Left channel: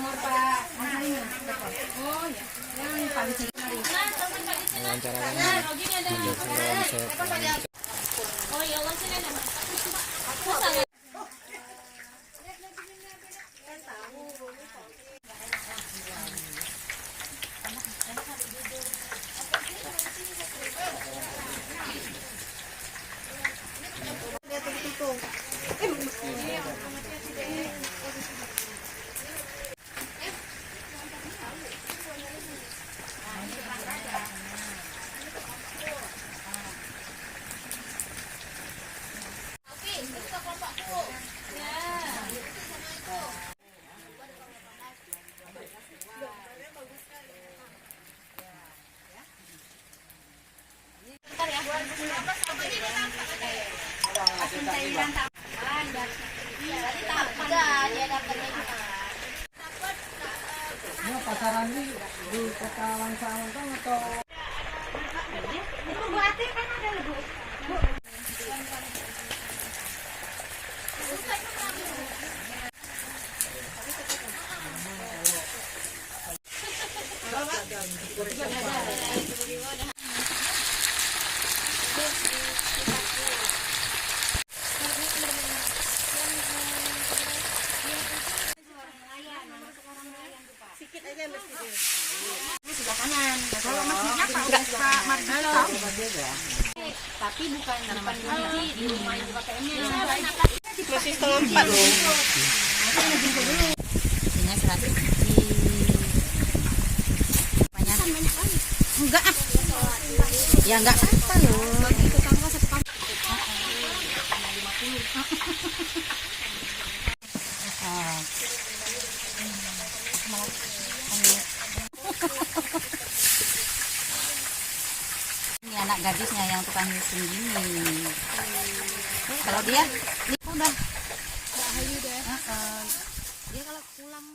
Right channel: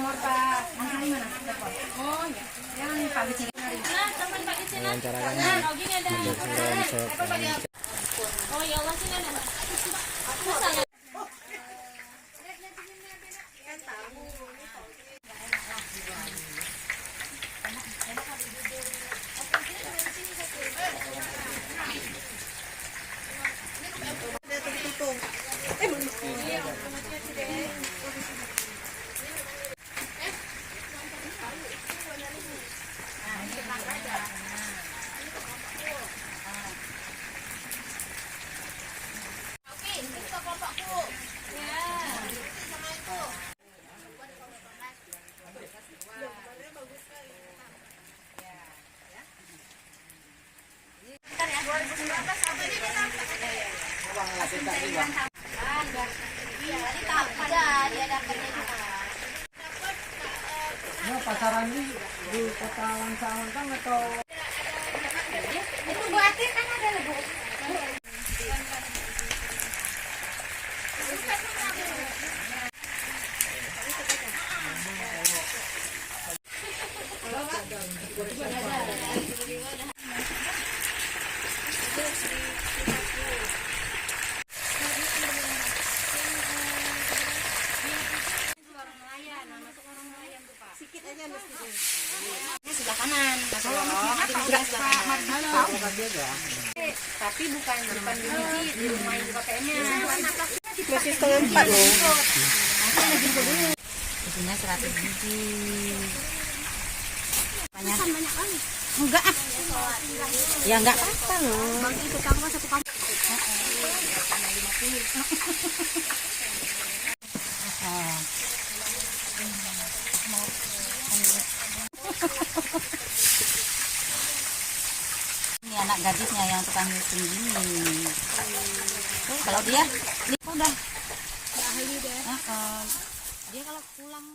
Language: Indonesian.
nomor Pak. Oh, ya. Yang Pak Bicin. Oh, ya Allah sini. Pasaran di kota Langsangan kan atau Itu berarti kan ada Bu. Sebelah kanan. Kalau masjidnya Pak Mardi tahu. Tapi bukan depan di rumah ibu KPM-nya. masih keempat loh. Isinya 100 biji. Banyak kali. Enggak ah. Ya enggak apa-apa loh. Itu kamu satu paket. 50. Ini anak gadisnya yang tukang nyusun gini. Kalau dia udah ahli deh. Dia kalau pulang